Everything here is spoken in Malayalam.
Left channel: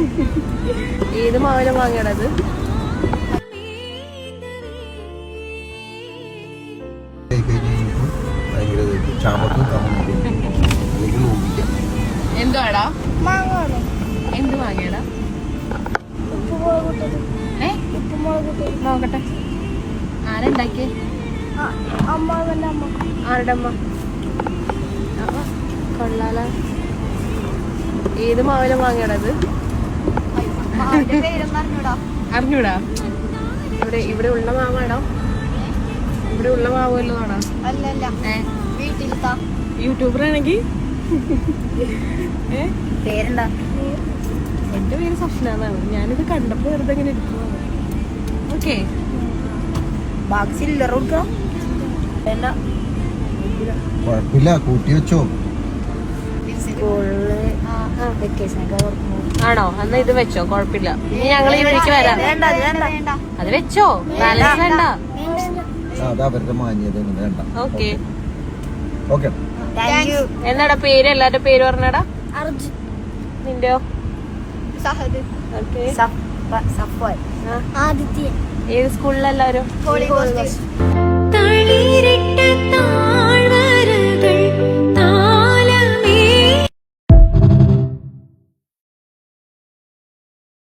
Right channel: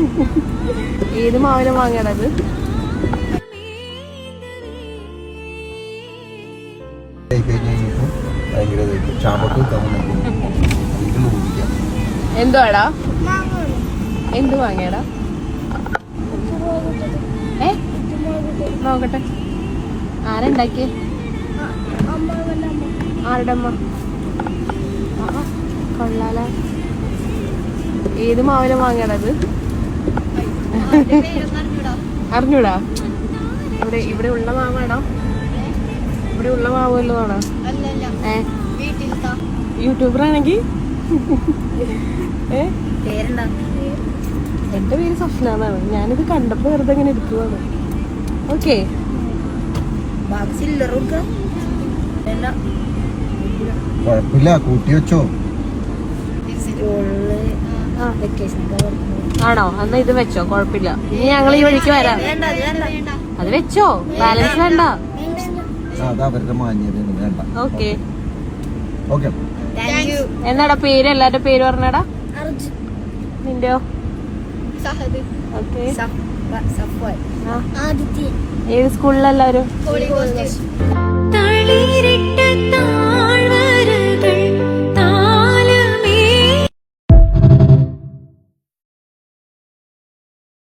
ഏത് മാവിനെ വാങ്ങണത്? എന്തുവാടാ? എന്ത് വാങ്ങിയടാ? നോക്കട്ടെ. ആരുണ്ടാക്കി? ആരുടെ അമ്മ? ഏത് മാവിനെ വാങ്ങണത്? അറിഞ്ഞൂടാ? ഇവിടെ ഉള്ള മാങ്ങാണോ? ഇവിടെ ഉള്ള മാവുള്ളതാണോ? അല്ലല്ല, വീട്ടിലത്താ. യൂട്യൂബറാണെങ്കിൽ പേരെന്താ? എന്റെ പേര് സ്വപ്നാന്നാണ്. ഞാനിത് കണ്ടപ്പോ വെറുതെ ഇങ്ങനെ ഇരിക്കുവാ. ഓക്കെ, ബാക്കി ചില്ലറ കൊടുക്കാം. കുഴപ്പമില്ല, കൂട്ടി വെച്ചോ. സ്കൂളില് വെക്കേഷൻ ഒക്കെ ആണോ? എന്നാ ഇത് വെച്ചോ, കുഴപ്പമില്ല. വെച്ചോ, അതാ അവരുടെ മാന്യത. Okay okay. എന്താണ് പേര്? എല്ലാവരുടെ പേര് പറഞ്ഞടാ. അർജുൻ, നിന്റെയോ? സഹദ്, സഫ്വാൻ, ആദിത്യൻ. ഏത് സ്കൂളിലെല്ലാവരും? Holy ghost.